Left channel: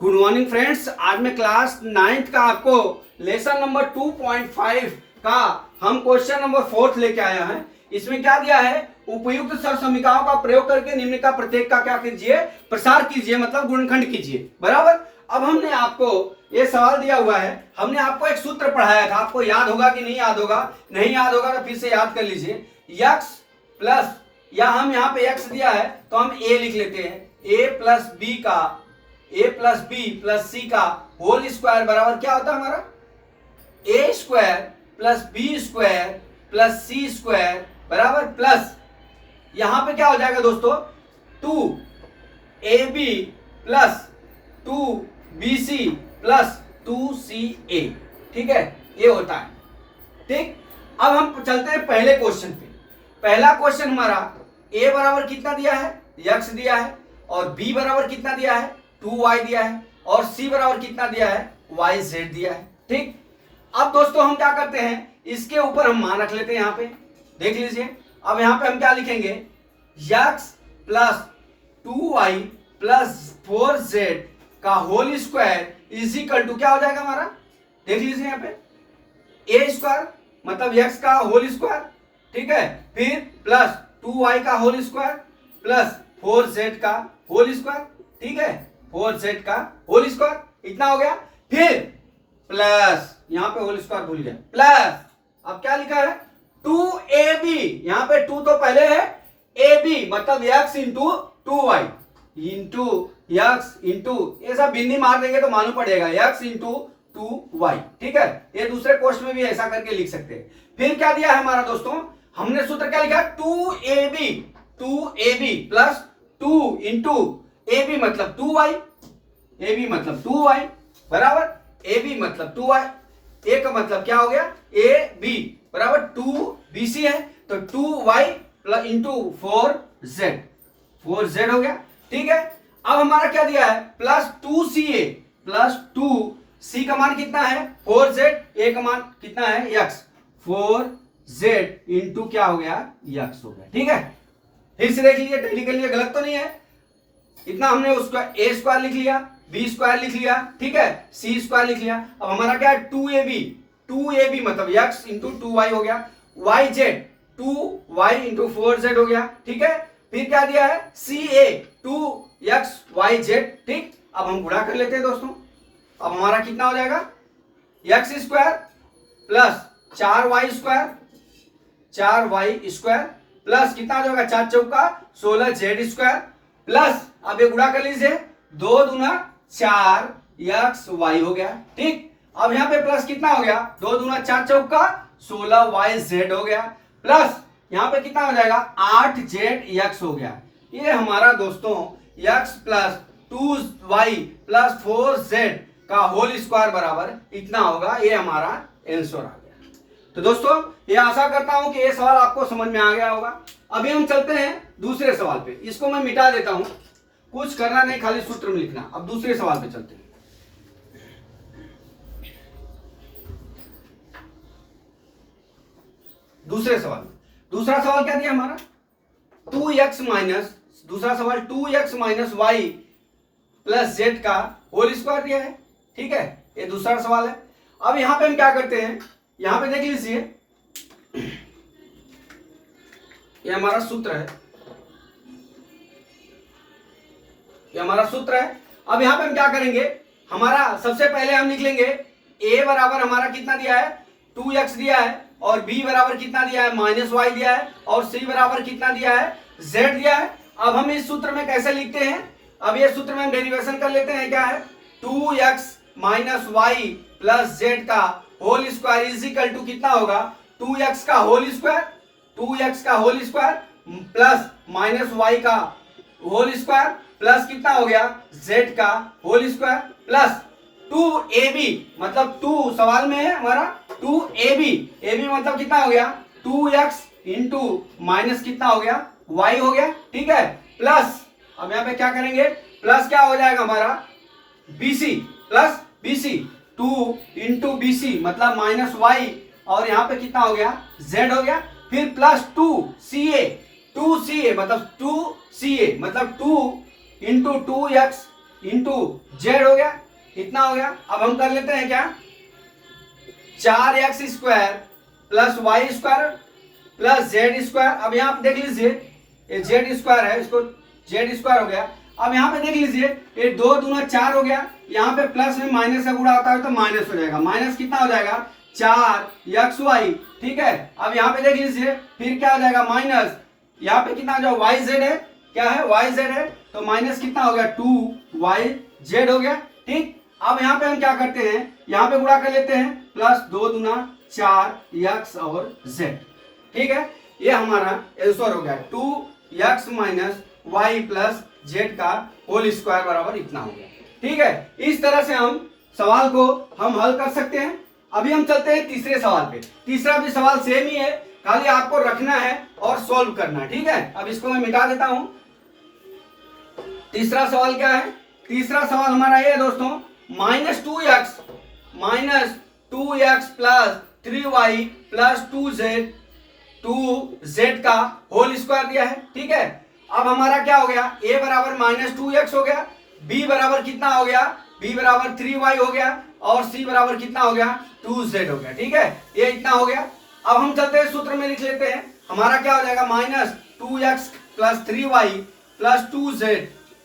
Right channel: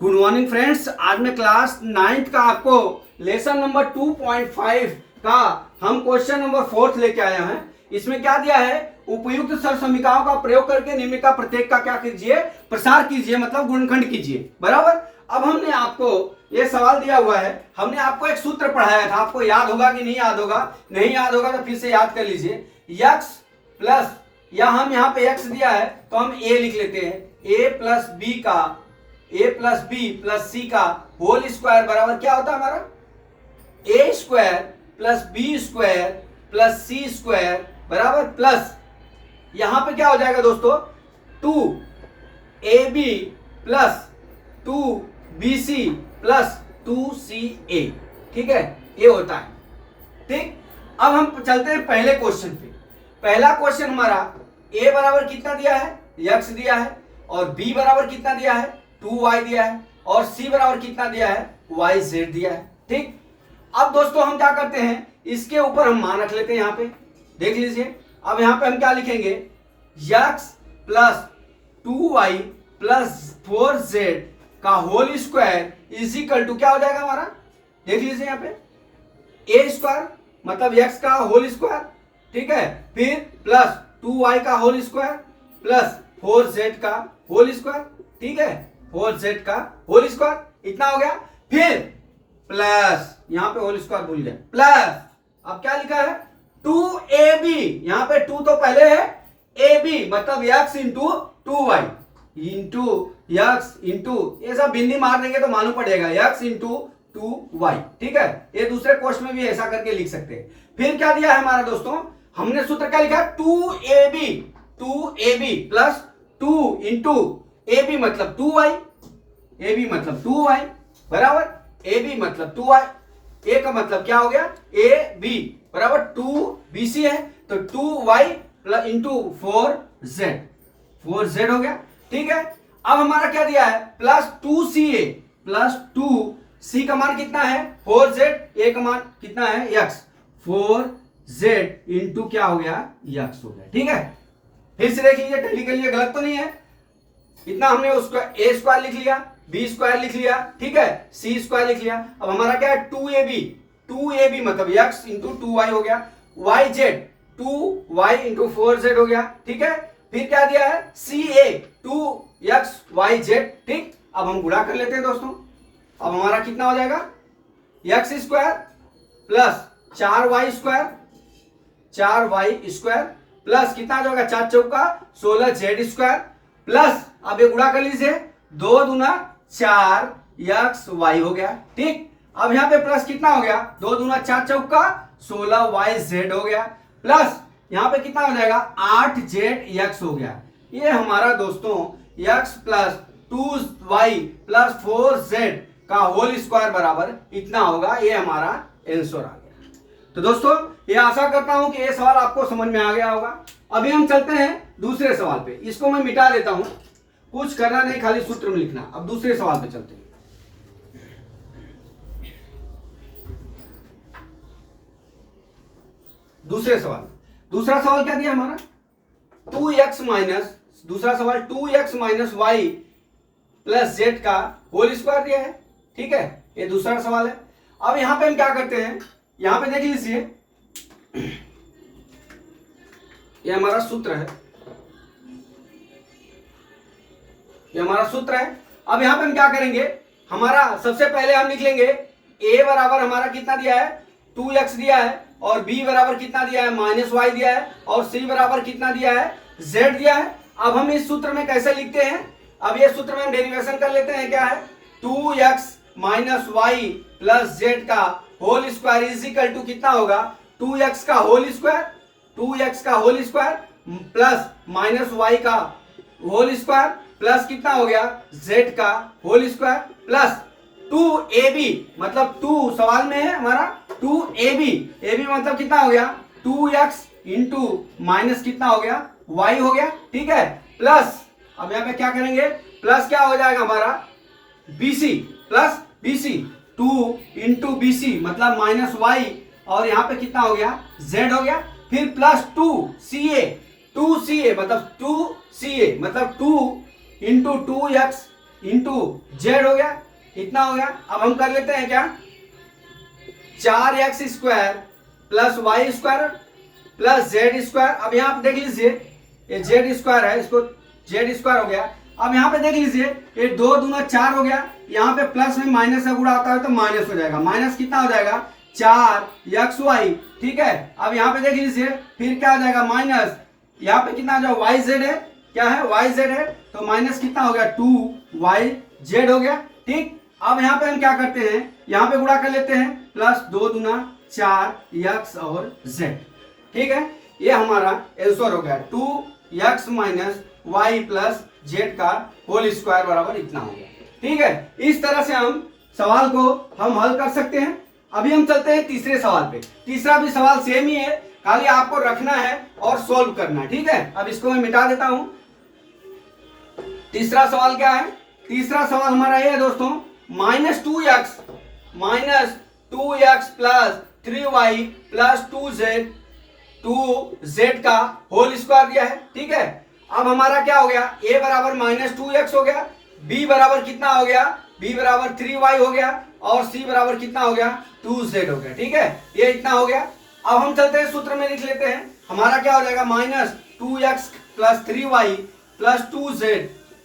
Good morning friends. आज मैं class 9th का आपको लेसन नंबर 2.5 का हम क्वेश्चन नंबर 4 लेके आया हैं। इसमें क्या दिया है, उपयुक्त सर समीकरणों का प्रयोग करके निम्न का प्रत्येक का क्या कीजिए, प्रसार कीजिए, मतलब गुणनखंड कीजिए। बराबर। अब हमने आपको ये सवाल दिया हुआ है, हमने आपको एक सूत्र पढ़ाया था, आपको याद होगा कि नहीं याद होगा? नहीं याद होगा तो फिर से याद कर लीजिए। x प्लस, या हम यहाँ पे x दिया है तो हम a लिख लेते हैं, a plus B plus C का होल स्क्वायर बराबर क्या होता है हमारा, A square plus B square plus C square बराबर प्लस यहां पे क्या हो जाएगा दोस्तों, 2ab plus 2bc plus 2ca। ठीक है, ये होता है। ठीक, अब हम चलते हैं पहले क्वेश्चन पे। पहला क्वेश्चन हमारा a बराबर कितना दिया है, x दिया है, और b बराबर कितना दिया है, 2y दिया है, और c बराबर कितना दिया है, yz दिया है। ठीक, अब दोस्तों हम क्या करते हैं, इसके ऊपर हम मान रख लेते हैं। यहाँ पे देख लीजिए, अब यहाँ पे हम क्या लिखेंगे, x plus 2y plus 4z का whole square is equal to क्या हो जाएगा हमारा, देख लीजिए यहाँ पे a स्क्वायर मतलब x का होल स्क्वायर, ठीक है, फिर प्लस 2y का होल स्क्वायर प्लस 4z का होल स्क्वायर, ठीक है, 4z का होल स्क्वायर, इतना हो गया। फिर प्लस यहां पे होल स्क्वायर भूल गया, प्लस अब क्या लिखा है, 2ab, यहां पे 2 तो पहले है, ab मतलब x into 2y into x into, ये सब बिंदी मार देंगे तो मालूम पड़ेगा, x इंटू 2y। ठीक है, ये दूसरे क्वेश्चन में भी ऐसा करके लिख सकते हैं। फिर क्या दिया है हमारा दोस्तों, हमने सूत्र क्या लिखा है, 2ab प्लस 2 इंटू ab मतलब 2y, ab मतलब 2y बराबर, ab मतलब 2y, a का मतलब क्या हो गया, ab बराबर 2bc है तो 2y प्लस इंटू 4z हो गया। ठीक है, अब हमारा क्या दिया है, प्लस 2ca प्लस 2c का मान कितना है 4z, a का मान कितना है x, 4z इंटू क्या हो गया, x हो गया। ठीक है, फिर से देख लीजिए, टैली कर लिए, गलत तो नहीं है। इतना हमने उसका a स्क्वायर लिख लिया, b स्क्वायर लिख लिया, ठीक है, c स्क्वायर लिख लिया। अब हमारा क्या है, 2ab मतलब x इंटू 2y हो गया, yz 2y इंटू 4z हो गया। ठीक है, फिर क्या दिया है, ca 2xyz। ठीक, अब हम गुणा कर लेते हैं दोस्तों। अब हमारा कितना हो जाएगा, x square plus 4y square plus कितना हो जाएगा, 4 चौका 16z स्क्वायर प्लस, अब ये गुणा कर लीजिए, 2 दूना 4xy हो गया। ठीक, अब यहाँ पे प्लस कितना हो गया, 2 दूना 4 चौका 16yz हो गया प्लस यहाँ पे कितना हो जाएगा, 8zx हो गया। ये हमारा दोस्तों x plus 2y plus 4z का होल स्क्वायर बराबर इतना होगा, ये हमारा आंसर आ गया। तो दोस्तों ये आशा करता हूं कि ये सवाल आपको समझ में आ गया होगा। अभी हम चलते हैं दूसरे सवाल पे, इसको मैं मिटा देता हूं, कुछ करना नहीं, खाली सूत्र में लिखना। अब दूसरे सवाल पे चलते हैं। दूसरा सवाल क्या दिया हमारा, 2x माइनस, दूसरा सवाल 2x minus Y plus Z का होल स्क्वायर दिया है। ठीक है, ये दूसरा सवाल है। अब यहां पे हम क्या करते हैं, यहां पे देख लीजिए, ये हमारा सूत्र है, ये हमारा सूत्र है। अब यहां पे हम क्या करेंगे, हमारा सबसे पहले हम लिख लेंगे a बराबर हमारा कितना दिया है, 2x दिया है, और b बराबर कितना दिया है, -y दिया है, और c बराबर कितना दिया है, z दिया है। अब हम इस सूत्र में कैसे लिखते हैं, अब ये सूत्र में हम डेरिवेशन कर लेते हैं, क्या है, 2x minus Y plus Z का whole square is equal to कितना होगा, 2x का whole square plus minus Y का होल स्क्वायर प्लस कितना हो गया, z का होल स्क्वायर प्लस 2ab मतलब 2 सवाल में है हमारा, 2ab मतलब कितना हो गया, 2x इंटू माइनस कितना हो गया, y हो गया। ठीक है, प्लस अब यहाँ पे क्या करेंगे, प्लस क्या हो जाएगा हमारा, bc plus bc 2 into bc मतलब माइनस y, और यहाँ पे कितना हो गया, z हो गया। फिर प्लस 2ca मतलब 2 इंटू 2x इंटू जेड हो गया, इतना हो गया। अब हम कर लेते हैं क्या, 4x² plus y square plus z square. अब यहाँ पे देख लीजिए ये जेड स्क्वायर है, इसको जेड स्क्वायर हो गया। अब यहाँ पे देख लीजिए ये 2 दूना 4 हो गया, यहाँ पे प्लस में माइनस का गुणा होता है तो माइनस हो जाएगा, माइनस कितना हो जाएगा 4xy, ठीक है। अब यहाँ पे देख लीजिए फिर क्या हो जाएगा माइनस, यहाँ पे कितना हो जाएगा वाई जेड है, क्या है वाई जेड है, तो माइनस कितना हो गया 2yz हो गया, ठीक। अब यहाँ पे हम क्या करते हैं, यहाँ पे गुणा कर लेते हैं, प्लस 2 दूना 4x और z, ठीक है। ये हमारा आंसर हो गया 2x minus Y plus Z का होल स्क्वायर बराबर इतना हो गया, ठीक है। इस तरह से हम सवाल को हम हल कर सकते हैं। अभी हम चलते हैं तीसरे सवाल पे। तीसरा भी सवाल सेम ही है, खाली आपको रखना है और सॉल्व करना है, ठीक है। अब इसको मैं मिटा देता हूं। तीसरा सवाल क्या है, तीसरा सवाल हमारा ये है दोस्तों, -2x plus 3y plus 2z का होल स्क्वायर दिया है, ठीक है। अब हमारा क्या हो गया, a बराबर -2x हो गया, b बराबर कितना हो गया, b बराबर 3y हो गया और c बराबर कितना हो गया 2z हो गया, ठीक है। ये इतना हो गया। अब हम चलते हैं सूत्र में लिख लेते हैं, हमारा क्या हो जाएगा -2x plus 3y plus 2z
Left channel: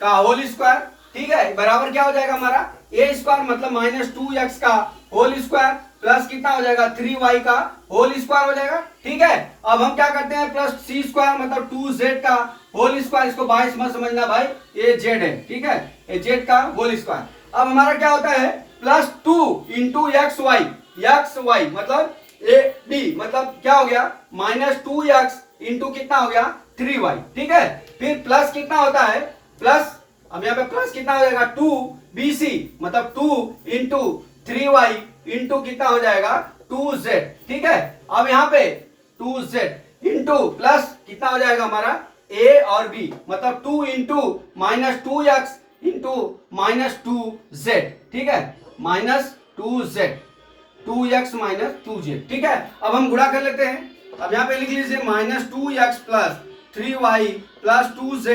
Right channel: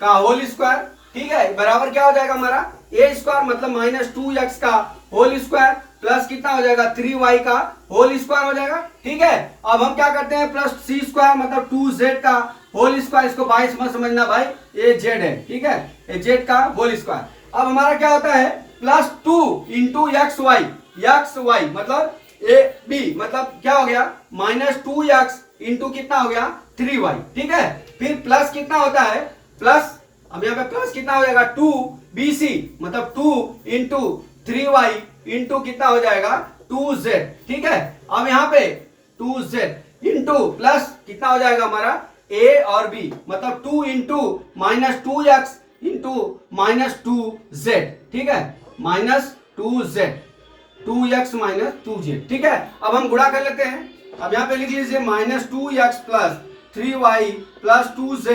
का होल स्क्वायर, ठीक है, बराबर क्या हो जाएगा हमारा a स्क्वायर मतलब -2x का होल स्क्वायर प्लस कितना हो जाएगा 3y का होल स्क्वायर हो जाएगा, ठीक है। अब हम क्या करते हैं प्लस c स्क्वायर मतलब 2z का होल स्क्वायर, इसको 22 मत समझना भाई, ये z है, ठीक है, ये z का होल स्क्वायर। अब हमारा क्या होता है प्लस 2 इंटू एक्स वाई मतलब ए बी मतलब क्या हो गया -2x इंटू कितना हो गया 3y, ठीक है। फिर प्लस कितना होता है प्लस, अब यहाँ पे प्लस कितना हो जाएगा 2bc मतलब 2 इंटू 3y इंटू कितना हो जाएगा 2z, ठीक है। अब यहाँ पे 2z इंटू प्लस कितना हो जाएगा हमारा a और b मतलब 2 इंटू -2x इंटू -2z, ठीक है, -2z 2x माइनस 2z, ठीक है। अब हम गुणा कर लेते हैं। अब यहाँ पे लिख लीजिए -2x plus 3y plus 2z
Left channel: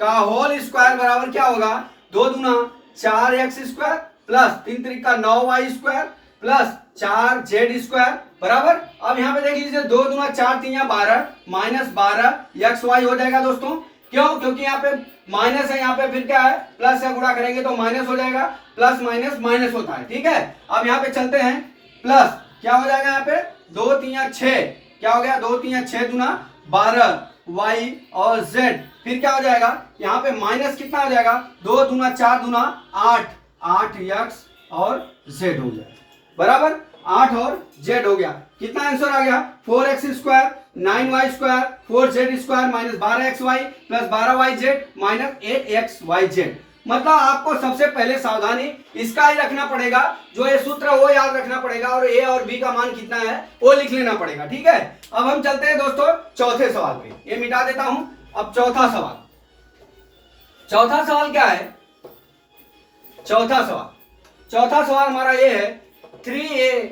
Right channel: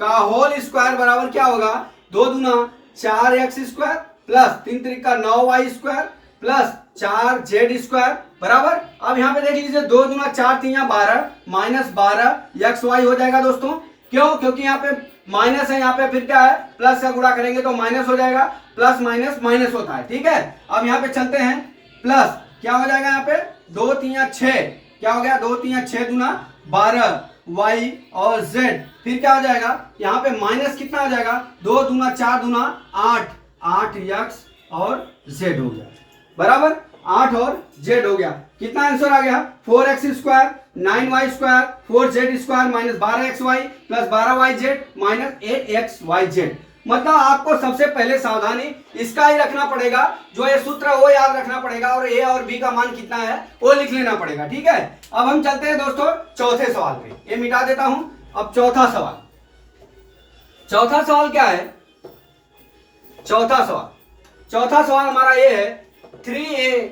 का होल स्क्वायर बराबर क्या होगा 2 दूना 4x square plus 3 Trika 9y square plus 4z square बराबर। अब यहाँ पे देख लीजिए 2 दूना 4 3 12 -12xy हो जाएगा दोस्तों, क्यों, क्योंकि यहाँ पे माइनस है, यहाँ पे फिर क्या है प्लस से गुणा करेंगे तो माइनस हो जाएगा, प्लस माइनस माइनस होता है, ठीक है। अब यहाँ पे चलते हैं, प्लस क्या हो जाएगा यहाँ पे 2 3 6, क्या हो गया 2 3 6 दूना 12 y और z, फिर क्या हो जाएगा यहाँ पे माइनस कितना हो जाएगा 2 दूना 4 दूना 8x और z हो गया बराबर, 8 और z हो गया। कितना आंसर आ गया 4x square 9y square 4z square minus 12xy plus 12yz minus 8xyz। मतलब आपको सबसे पहले सावधानी इसका ही रखना पड़ेगा, जो ये सूत्र है वो याद रखना पड़ेगा और a और b का मान कितना है वो लिख लेना पड़ेगा, ठीक है। अब हम चलते हैं दोस्तों चौथे सवाल पे, ये मिटा देता हूं। अब चौथा सवाल क्या है, चौथा सवाल हमारा ये है 3a,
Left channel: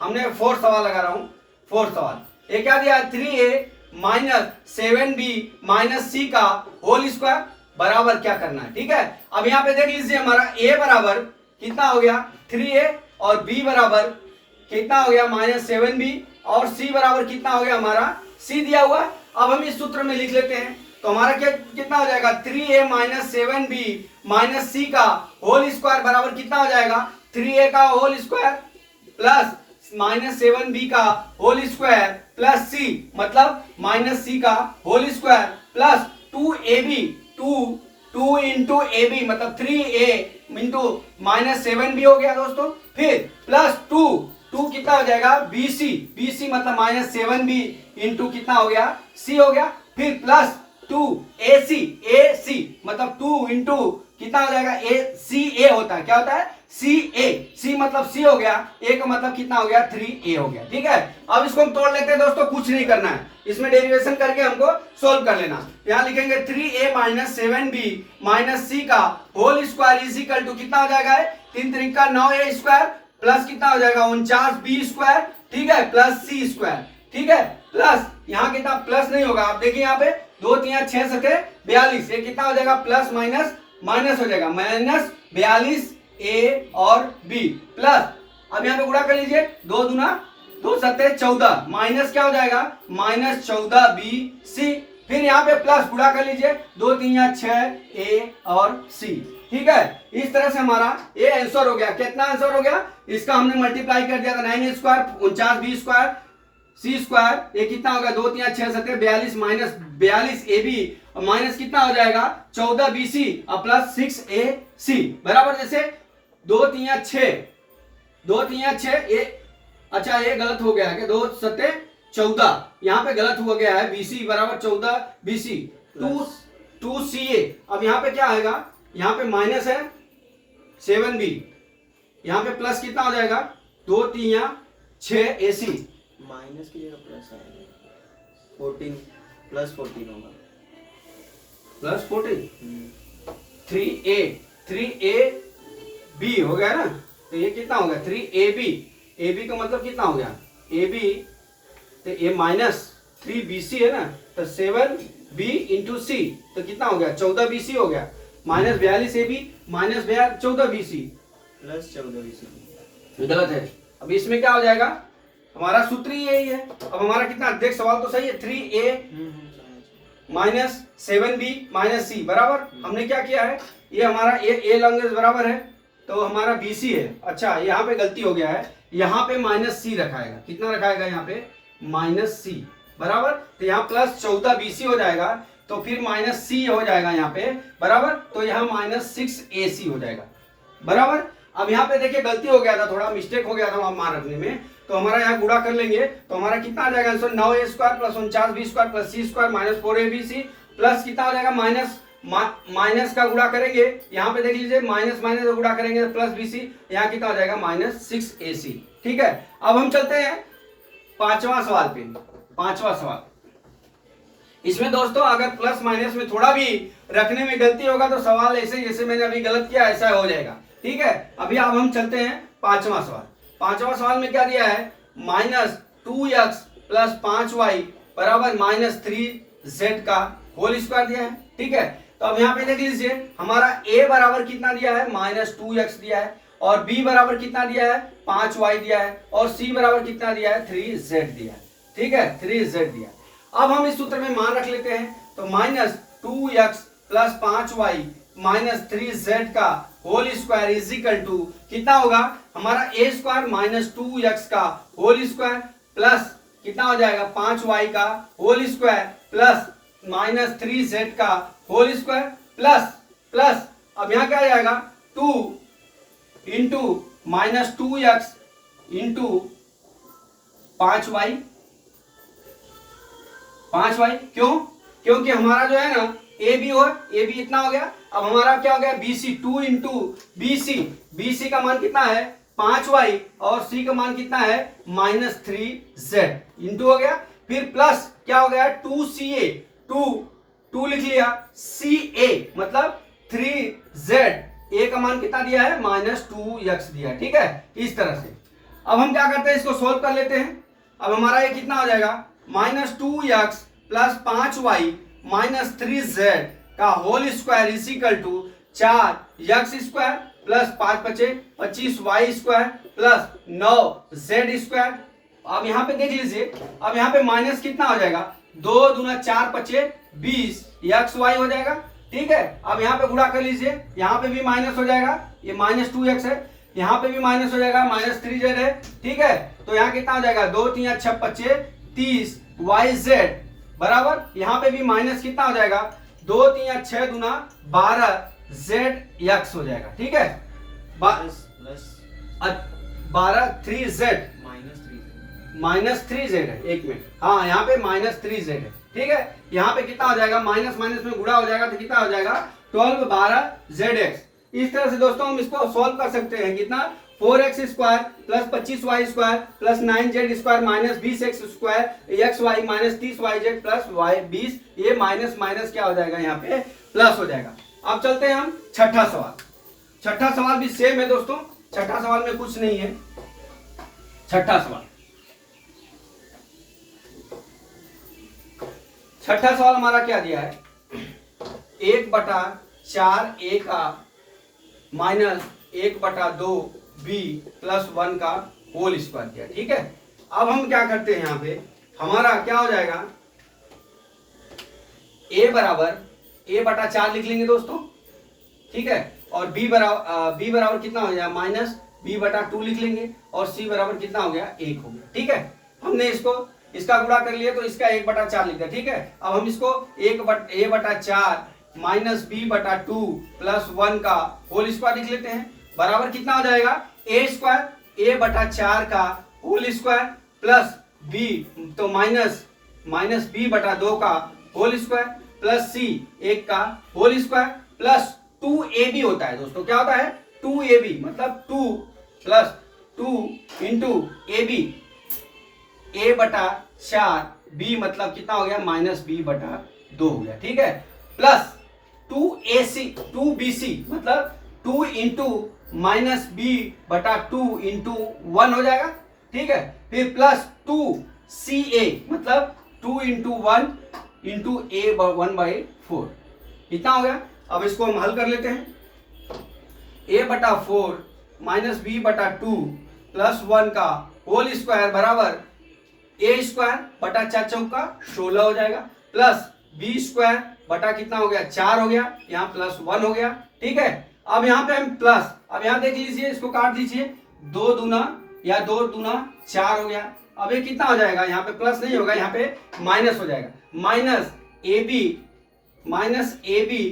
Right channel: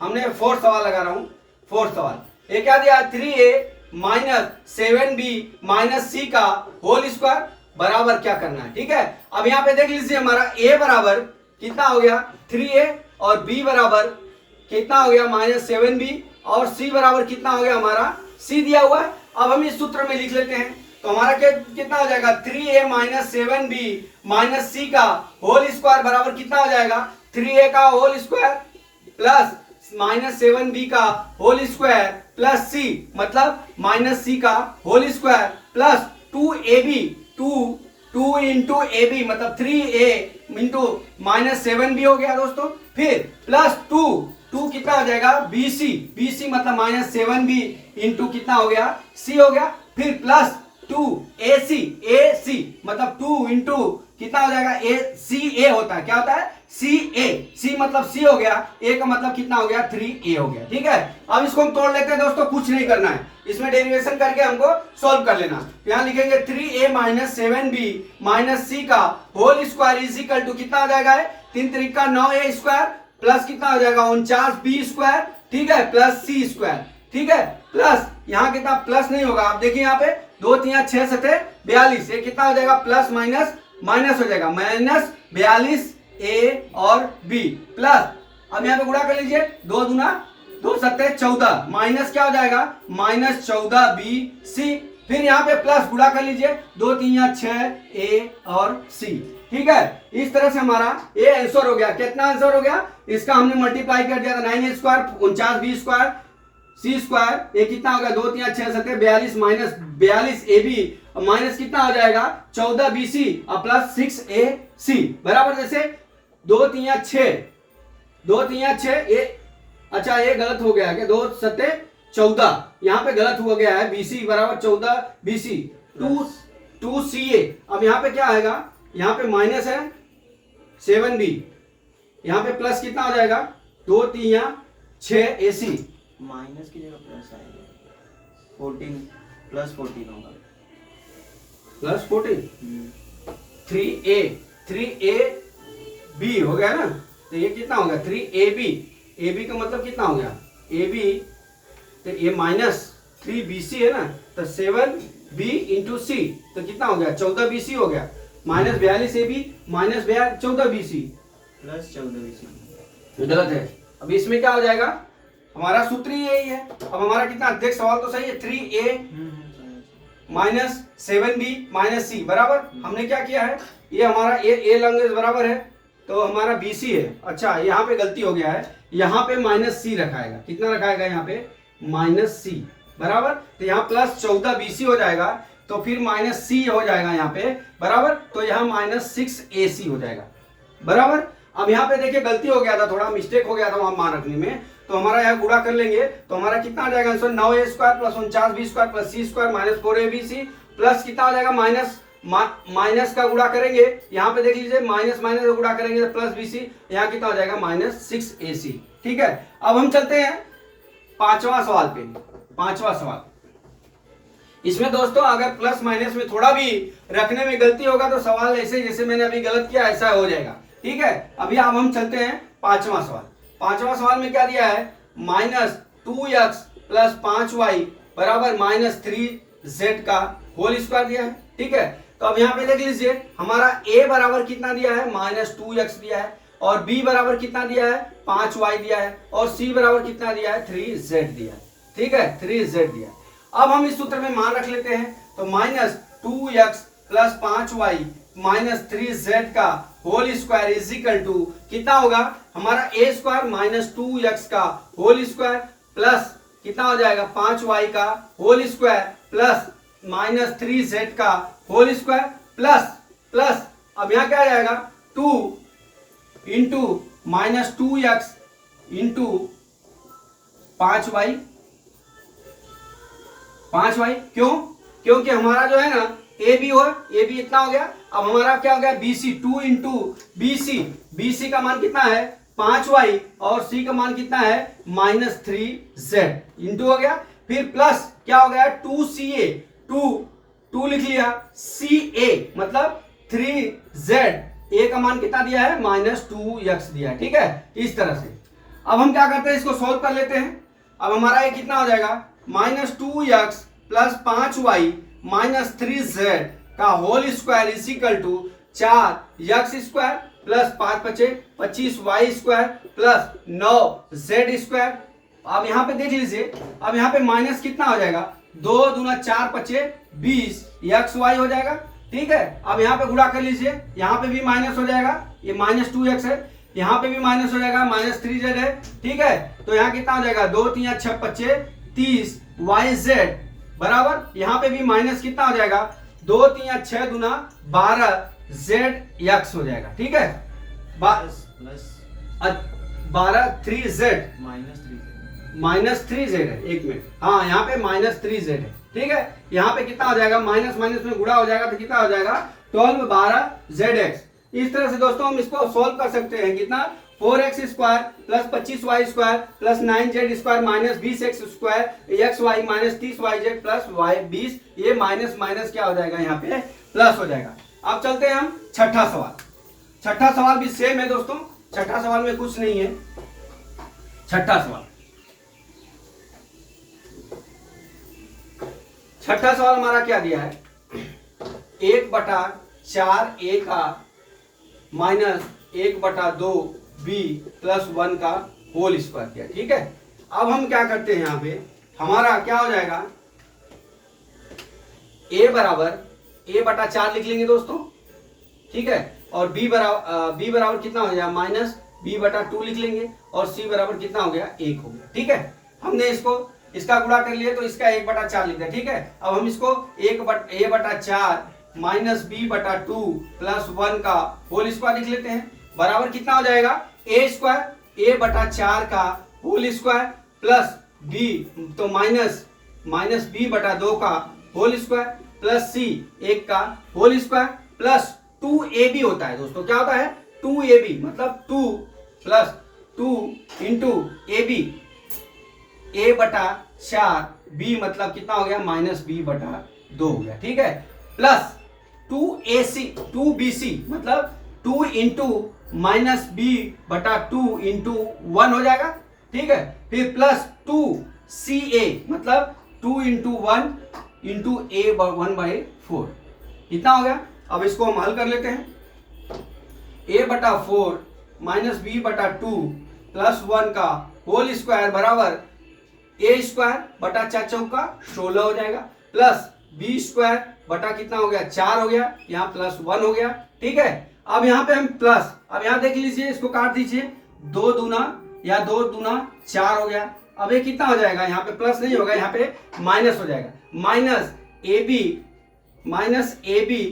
हमने फोर्थ सवाल लगा रहा हूं, फोर्थ सवाल ये क्या दिया 3a minus 7b minus c का होल स्क्वायर बराबर क्या करना है, ठीक है। अब यहाँ पे देख लीजिए हमारा a बराबर कितना हो गया 3a और b बराबर कितना हो गया -7b और c बराबर कितना हो गया हमारा c दिया हुआ है। अब हम इस सूत्र में लिख लेते हैं, तो हमारा कितना हो जाएगा 3a minus 7b minus c का होल स्क्वायर बराबर कितना हो जाएगा 3a का होल स्क्वायर प्लस -7b का होल स्क्वायर प्लस c मतलब -c का whole square plus 2ab 2 into a b मतलब 3a इंटू -7b हो गया दोस्तों। फिर प्लस 2 कितना हो जाएगा bc मतलब -7b इंटू कितना हो गया c हो गया। फिर प्लस 2ac मतलब 2 इंटू कितना हो जाएगा ca होता है, क्या होता है c मतलब c हो गया, a का मतलब कितना हो गया 3a हो गया, ठीक है। अब इसको हम तोड़ लेते हैं दोस्तों, कुछ नहीं करना है, इसमें डेरिवेशन करके हमको सॉल्व कर लेना। यहाँ लिखेंगे 3a minus 7b minus c का whole square is equal to कितना हो जाएगा 3 त्रिका 9a स्क्वायर प्लस कितना हो जाएगा 49b स्क्वायर, ठीक है, प्लस c स्क्वायर, ठीक है। प्लस यहाँ कितना प्लस नहीं होगा, आप देखिए यहाँ पे 2 3 6 7 42, ये कितना हो जाएगा प्लस माइनस माइनस हो जाएगा -42A और B प्लस, अब यहाँ पे गुणा कर लीजिए, 2 दूना 2 सत्ते 14, माइनस क्या हो जाएगा -14BC, फिर यहाँ पे प्लस गुणा कर लीजिए, 2 3 6A और C। ठीक है, इस तरह से हमारा ये आंसर हो गया। कितना आंसर हो गया इसका, हमने मल्टीप्लाई कर दिया था, 9A square 49B square C square, ये कितना होगा 2 3 6 7 42 माइनस 42AB माइनस कितना हो जाएगा 14BC और प्लस 6AC बराबर, जैसे 2 3 6 ये, अच्छा ये गलत हो गया है, 2 सत्ते 14, यहाँ पे गलत हो गया है, BC बराबर 14BC 2CA। अब यहाँ पे क्या आएगा, यहाँ पे माइनस है 7B, यहाँ पे प्लस कितना हो जाएगा 2 3 6AC, माइनस की जगह प्लस आएगा, 14 प्लस 14 होगा, प्लस 14 3AB हो गया ना, तो ये कितना हो गया 3AB का मतलब कितना हो गया AB, तो ये माइनस 3BC है ना, तो 7B इंटू C, तो कितना हो गया 14BC हो गया, minus 42AB minus 14BC plus 14BC, गलत है। अब इसमें क्या हो जाएगा, हमारा सूत्र ही यही है। अब हमारा कितना, देख सवाल तो सही है, 3A minus 7B minus C बराबर, हमने क्या किया है, ये हमारा A लॉन्गेज बराबर है, तो हमारा BC है। अच्छा यहाँ पे गलती हो गया है, यहाँ पे माइनस C रखाएगा, कितना रखाएगा यहाँ पे -C बराबर, तो यहाँ प्लस 14BC हो जाएगा, तो फिर -C हो जाएगा यहाँ पे बराबर, तो यहाँ -6AC हो जाएगा बराबर। अब यहाँ पे देखिए गलती हो गया था, थोड़ा मिस्टेक हो गया था वहां मान रखने में, तो हमारा यहाँ गुणा कर लेंगे, तो हमारा कितना आ जाएगा answer 9A square plus 49B square plus C square minus 4ABC plus कितना हो जाएगा माइनस का गुणा करेंगे, यहाँ पे देख लीजिए माइनस माइनस का गुणा करेंगे तो प्लस BC, यहाँ कितना हो जाएगा -6AC। ठीक है, अब हम चलते हैं पांचवा सवाल पे। पांचवा सवाल, इसमें दोस्तों अगर प्लस माइनस में थोड़ा भी रखने में गलती होगा तो सवाल ऐसे जैसे मैंने अभी गलत किया ऐसा हो जाएगा। ठीक है, अभी अब हम चलते हैं पांचवा सवाल। पांचवा सवाल में क्या दिया है, -2x प्लस 5y बराबर -3z का होल स्क्वायर दिया है। ठीक है, तो अब यहाँ पे देख लीजिए, हमारा a बराबर कितना दिया है -2x दिया है, और b बराबर कितना दिया है 5y दिया है, और c बराबर कितना दिया है 3z दिया है। ठीक है, 3z दिया है। अब हम इस सूत्र में मान रख लेते हैं, तो -2x plus 5y minus 3z का whole square is equal to कितना होगा, हमारा a स्क्वायर -2x का होल स्क्वायर प्लस कितना हो जाएगा 5y का होल स्क्वायर प्लस -3z का होल स्क्वायर प्लस अब यहाँ क्या आ जाएगा 2 इंटू -2x इंटू 5y। क्यों, क्योंकि हमारा जो है ना ए बी इतना हो गया। अब हमारा क्या हो गया BC 2 इंटू BC का मान कितना है 5y और C का मान कितना है -3z इंटू हो गया, फिर प्लस क्या हो गया 2CA 2 लिख लिया, CA मतलब 3z, A का मान कितना दिया है -2x दिया। ठीक है, इस तरह से अब हम क्या करते हैं, इसको सोल्व कर लेते हैं। अब हमारा ये कितना हो जाएगा -2x plus 5y minus 3z का whole square is equal to 4x square plus 5 बचे 25y square plus 9z square. अब यहाँ पे देख लीजिए, अब यहाँ पे माइनस कितना हो जाएगा 2 दूना 4 बचे 20 xy हो जाएगा। ठीक है, अब यहाँ पे गुणा कर लीजिए, यहाँ पे भी माइनस हो जाएगा, ये -2x है, यहाँ पे भी माइनस हो जाएगा -3z है। ठीक है, तो यहाँ कितना हो जाएगा 2 3 6 बचे 30 yz बराबर, यहाँ पे भी माइनस कितना हो जाएगा 2 3 6 दूना 12 zx हो जाएगा। ठीक है, प्लस 12 3z -3z है, एक मिनट, हाँ यहाँ पे -3z है। ठीक है, यहाँ पे कितना हो जाएगा माइनस माइनस में गुणा हो जाएगा तो कितना हो जाएगा 12 12 zx। इस तरह से दोस्तों हम इसको सॉल्व कर सकते हैं, कितना 4x square plus 25y square plus 9z square minus 20x square xy minus 30yz plus y 20, ये माइनस माइनस क्या हो जाएगा यहाँ पे प्लस हो जाएगा। अब चलते हैं हम छठा सवाल। छठा सवाल भी सेम है दोस्तों, छठा सवाल में कुछ नहीं है। छठा सवाल हमारा क्या दिया है 1/6 4a का माइनस 1/2 b प्लस 1 का होल स्क्वायर किया। ठीक है, अब हम क्या करते हैं, यहाँ पे हमारा क्या हो जाएगा, a बराबर a/4 लिख लेंगे दोस्तों। ठीक है, और b बराबर कितना हो जाएगा, माइनस b/2 लिख लेंगे, और c बराबर कितना हो गया, 1 हो गया। ठीक है, हमने इसका गुणा कर लिया तो इसका 1/4 लिख दिया। ठीक है, अब हम इसको a/4 माइनस b/2 प्लस 1 का होल स्क्वायर लिख लेते हैं, बराबर कितना हो जाएगा, a/4 का होल स्क्वायर प्लस b तो माइनस b/2 का होल स्क्वायर प्लस c 1 का होल स्क्वायर प्लस 2ab होता है दोस्तों। क्या होता है, 2ab मतलब 2 plus 2 into ab, a/4 b मतलब कितना हो गया, माइनस b/2 हो गया। ठीक है, प्लस 2bc मतलब 2 इंटू माइनस b/2 इंटू 1 हो जाएगा। ठीक है, फिर प्लस 2ca मतलब 2 इंटू 1 इंटू a/1/4 कितना हो गया। अब इसको हम हल कर लेते हैं, a/4 माइनस b/2 प्लस 1 का होल स्क्वायर बराबर a स्क्वायर बटा 4 चौका 16 हो जाएगा, प्लस b स्क्वायर बटा कितना हो गया, 4 हो गया, यहाँ प्लस 1 हो गया। ठीक है, अब यहाँ पे हम प्लस, अब यहाँ देख लीजिए, इसको काट दीजिए, 2 दूना 4 हो गया। अब ये कितना हो जाएगा, यहाँ पे प्लस नहीं होगा, यहाँ पे माइनस हो जाएगा, माइनस ए बी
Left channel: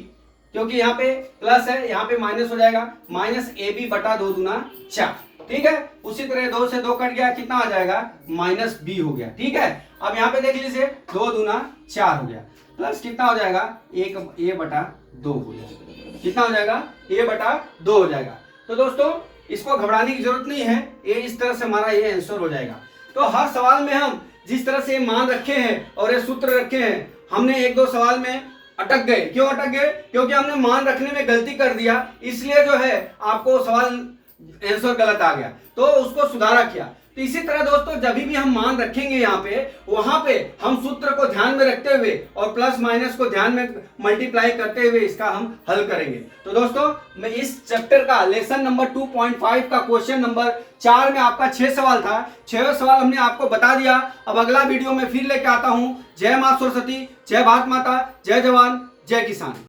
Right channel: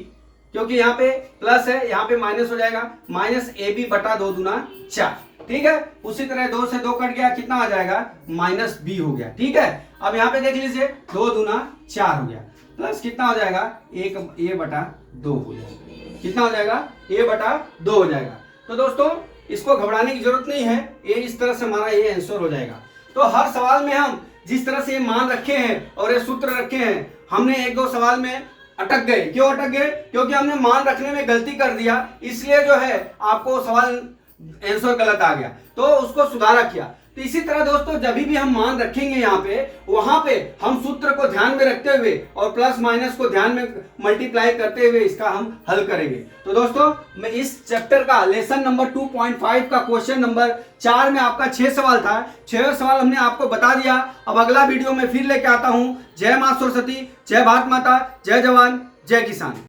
क्योंकि यहाँ पे प्लस है, यहाँ पे माइनस हो जाएगा, माइनस ab/2 दूना 4। ठीक है, उसी तरह 2 से 2 कट गया, कितना आ जाएगा, माइनस b हो गया। ठीक है, अब यहाँ पे देख लीजिए, 2 दूना 4 हो गया, प्लस कितना हो जाएगा, a/2 हो जाएगा, कितना हो जाएगा, a/2 हो जाएगा। तो दोस्तों इसको घबराने की जरूरत नहीं है, ये इस तरह से हमारा ये आंसर हो जाएगा। तो हर सवाल में हम जिस तरह से ये मान रखे हैं और ये सूत्र रखे हैं, हमने 1-2 सवाल में अटक गए। क्यों अटक गए, क्योंकि हमने मान रखने में गलती कर दिया, इसलिए जो है आपको सवाल आंसर गलत आ गया, तो उसको सुधारा किया। तो इसी तरह दोस्तों जब भी हम मान रखेंगे यहाँ पे, वहां पे हम सूत्र को ध्यान में रखते हुए और प्लस माइनस को ध्यान में मल्टीप्लाई करते हुए इसका हम हल करेंगे। तो दोस्तों मैं इस चैप्टर का लेसन नंबर 2.5 का क्वेश्चन नंबर 4 में आपका 6 सवाल था, 6 सवाल हमने आपको बता दिया। अब अगला वीडियो में फिर लेके आता हूं। जय मां सरस्वती, जय भारत माता, जय जवान, जय किसान।